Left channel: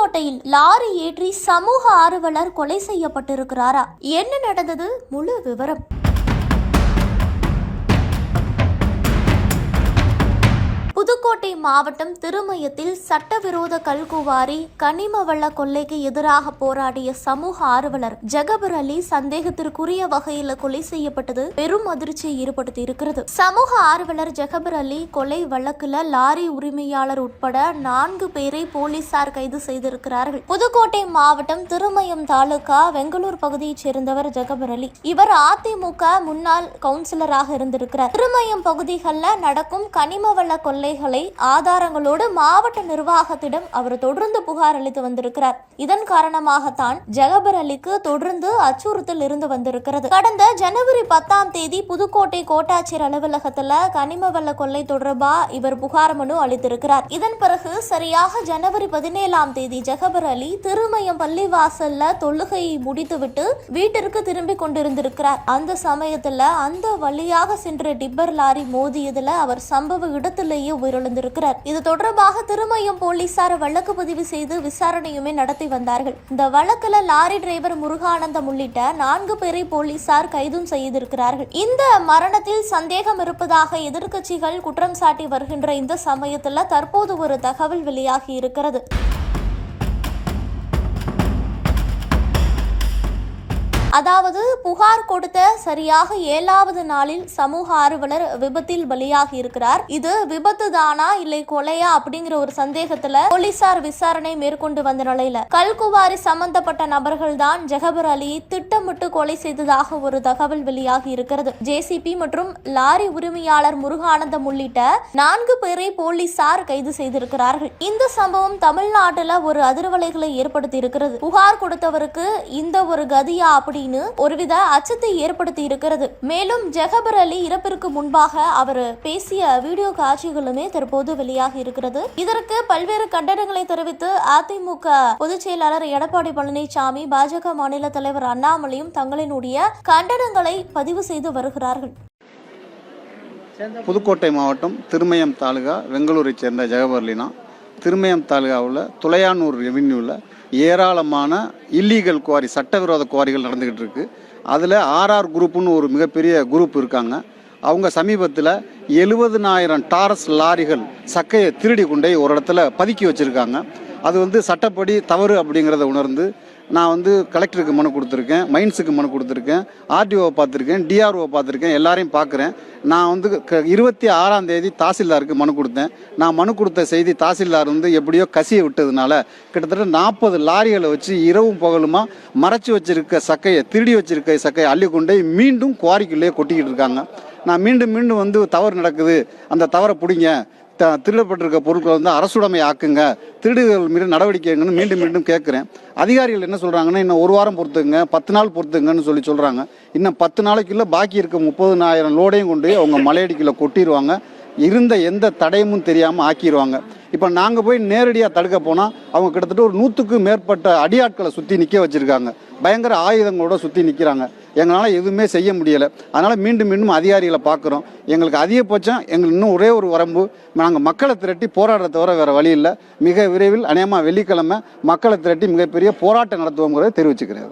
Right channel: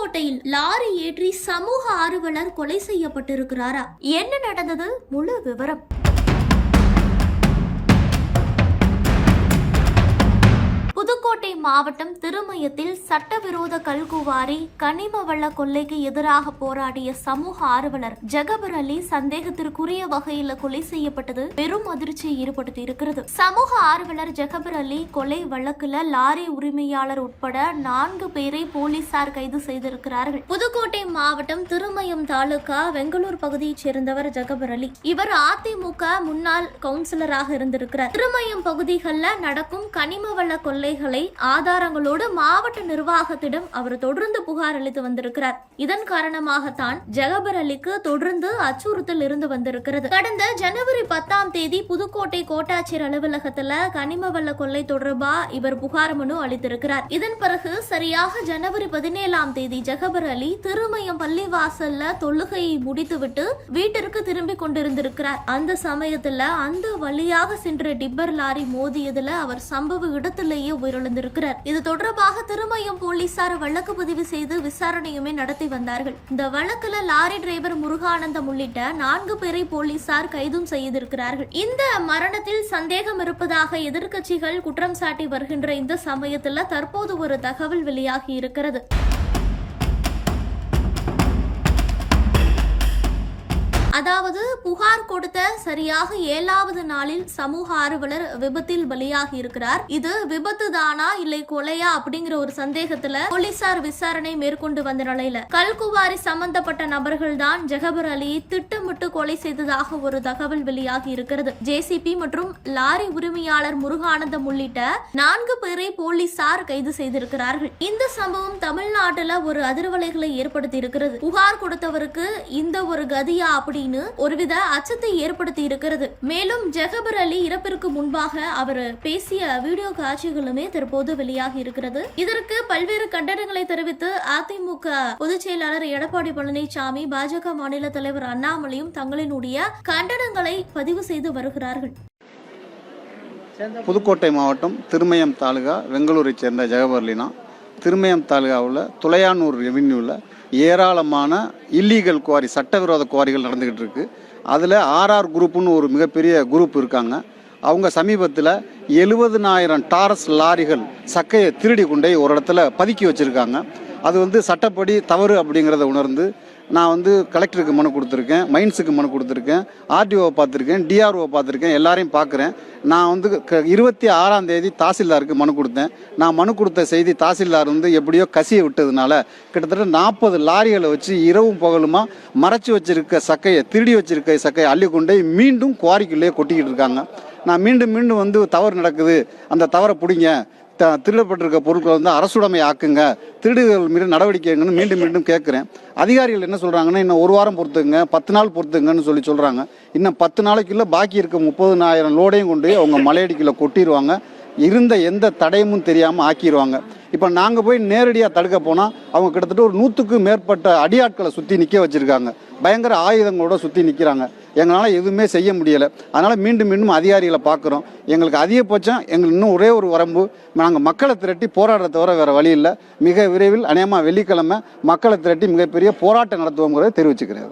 புதுக்கோட்டையில் லாரி ஏற்றி சமூக ஆர்வலர் கொலை செய்யப்பட்டிருக்கிறாரா? என்ன நடந்தது? முழு விவரம். புதுக்கோட்டை மாவட்டம் திருமயத்தில் சட்டவிரோத கல்குவாரி கனிம வள கொள்ளைக்கு எதிராக போராடிய சமூக ஆர்வலர் ஜகபர் அலி சந்தேகத்திற்குரிய வகையில் கொலை செய்யப்பட்டது பெரும் அதிர்ச்சியை ஏற்படுத்தி இருக்கிறது. சமூக ஆர்வலர் ஜகபர் அலி கொலை வழக்குல லாரி உரிமையாளர் உட்பட 4 பேரை போலீசார் கைது செய்திருக்கிறார்கள். புதுக்கோட்டை மாவட்டம் திருமயம் தாலுகா வெங்கலூர் பகுதியைச் சேர்ந்தவர் ஜகபர் அலி. இவர் அதிமுக முன்னாள் கவுன்சிலராக இருந்திருக்கிறார். திருமயம் பகுதிகளில் நடக்கும் கனிம வள கொள்ளை ஆதாரங்களோடு மாவட்ட நிர்வாகத்திடம் அவர் தொடர்ந்து புகார் அளித்து வந்திருக்கிறார். இதன் காரணமாகத்தான் ஜகபர் அலிக்கு தொடர்ந்து அச்சுறுத்தல் இருந்து வந்திருக்கிறது. கடந்த ஜனவரி 10ஆம் தேதி புதுக்கோட்டை கோட்டாட்சியர் அலுவலகத்தில் கனிம வள கொள்ளை தொடர்பா இவர் புகார் மனு அளித்திருக்கிறார். இதன் பிறகு சரியாக ஜனவரி 17ஆம் தேதி ஜகபர் அலி திருமயம் பள்ளிவாசல்ல தொழுகையை முடித்துவிட்டு வீட்டிற்கு திரும்பி கொண்டிருந்திருக்கிறார். அந்த சமயத்துல அந்த வழியாக சென்ற டிப்பர் லாரி மோதியதுல அவர் சம்பவ இடத்திலேயே உயிரிழந்திருக்கிறார். இது தொடர்பாக திருமயம் போலீசார் வழக்கு பதிவு செய்து விசாரணையுமே நடத்தி வந்தார்கள். இந்த வழக்குல லாரி டிரைவர் முருகானந்தம் உள்ளிட்ட 4 பேரை போலீசார் கைதும் செய்திருக்கிறார்கள். இந்த மரணத்தில் சந்தேகம் இருப்பதாக எதிர்க்கட்சிகள் குற்றம் சாட்டி வருகின்ற இந்த சமயத்தில் தற்போது ஒரு தகவல் வெளியாகி இருக்கிறது. அதாவது புகார் கொடுத்த சரியாக 7வது நாளில் சமூக ஆர்வலர் விபத்தில் பலியாகி இருக்கிறார். இது விபத்து தானா இல்லை கொலையா அப்படிங்கிற ஒரு சந்தேகத்துல போலீசார் விசாரணை மேற்கொண்டு வந்த நிலையில கல்குவாரி சம்பந்தப்பட்ட நபர்கள் தான் ஜகபர் அலியை திட்டமிட்டு கொலை செய்ததாக ஒரு தகவல் வெளியாகி இருக்கிறது. ஜேசிபி மற்றும் லாரி உரிமையாளர் முருகானந்தம் உள்ளிட்ட 4 பேரை போலீசார் கைது செய்திருக்கிறார்கள். இந்த சம்பவம் தமிழ்நாட்டுல ஒரு அதிர்வலைகளை ஏற்படுத்தி இருக்கிறது. புகார் கொடுத்தவருக்கு இந்த ஒரு கதியா அப்படி ஒருவித அச்சத்தை ஏற்படுத்தி இருக்கிறது. மேலும் ஜகபர் அலி இறப்பிற்கு முன்பாக அவர் பேசிய வீடியோ காட்சிகளுமே தற்போது வெளியாகி இருக்கிறது. இதற்கு பல்வேறு கண்டனங்களை தெரிவித்து அதிமுக பொதுச் செயலாளர் எடப்பாடி பழனிசாமி, பாஜக மாநில தலைவர் அண்ணாமலையும் தங்களினுடைய கண்டனங்களை பதிவு செய்து வருகிறார்கள். புதுக்கோட்டை மாவட்டம் திருமயம் தாலுகா வெங்கலூரை சேர்ந்த ஜகபர் அலினா திருமயம் தாலுகாவில் துளையானூர் ரெவென்யூவில் ஏராளமான இல்லீகல் குவாரி சட்டவிரோத குவாரிகள் நடந்துக்கிட்டு இருக்கு. அதில் ஆர்ஆர் குரூப்புன்னு ஒரு மிகப்பெரிய குரூப் இருக்காங்க. அவங்க சமீபத்தில் 70,000 டாரஸ் லாரிகள் சக்கையை திருடி கொண்டே ஒரு இடத்துல பதுக்கி வச்சுருக்காங்க. அது சட்டப்படி தவறு அப்படிங்கிறத உணர்ந்து நான் கலெக்டருக்கு மனு கொடுத்துருக்கேன், மைன்ஸுக்கு மனு கொடுத்துருக்கேன், ஆர்டிஓவை பார்த்துருக்கேன், டிஆர்ஓவை பார்த்துருக்கேன், எல்லாரையும் பார்க்குறேன். நான் 26ஆம் தேதி தாசில்தாருக்கு மனு கொடுத்தேன். நான் மனு கொடுத்த செய்தி தாசில்தார் எப்படியோ கசியை விட்டதுனால கிட்டத்தட்ட 40 லாரிகளை வச்சு இரவும் பகலுமா மறைச்சி வச்சிருக்க சக்கையை, திருடி வச்சிருக்க சக்கையை அள்ளி கொண்டே மீண்டும் குவாரிக்குள்ளேயே கொட்டிக்கிட்டு இருக்காங்க. நான் மீண்டும் தவறு நடக்குது, அந்த தவறை பிடிங்க, திருடப்பட்டிருக்க பொருட்களை அரசுடைமை ஆக்குங்க, திருடுகள் மீது நடவடிக்கைங்கன்னு மீண்டும் கேட்குறேன். அதிகாரிகள் என்ன சொல்கிறாங்கன்னா, இன்னும் 1 வாரம் பொறுத்துங்க, 10 நாள் பொறுத்துங்கன்னு சொல்கிறாங்க. இன்னும் 10 நாளைக்குள்ள பாக்கி இருக்க 30,000 லோடையும் கொண்டு அவங்க மலையடிக்குள்ள கொட்டிடுவாங்க. இருந்த எந்த தடையும் தெரியாமல் ஆக்கிடுவாங்க. இப்போ நாங்கள் போய் நேரடியாக தடுக்க போனால் அவங்க கிட்டத்தட்ட ஒரு 100க்கும் மேற்பட்ட அடியாட்களை சுற்றி நிற்க வச்சுருக்காங்க. பயங்கர ஆயுதங்களோட சுற்றி நிற்கிறாங்க. எங்களால் எதுவுமே செய்ய முடியலை. அதனால் மீண்டும் அதிகாரிகளை பார்க்குறோம். எங்களுக்கு அதிகபட்சம் எங்களுக்கு இன்னும் ஒரே ஒரு வரம்பு, நாங்கள் மக்களை திரட்டி போராடுறத தவிர வேறு வழி இல்லை. மிக விரைவில் அநேகமாக வெள்ளிக்கிழமை மக்களை திரட்டி மிகப்பெரிய போராட்டம் நடத்துவோங்கிறத தெரிவிச்சுக்கிறேன்.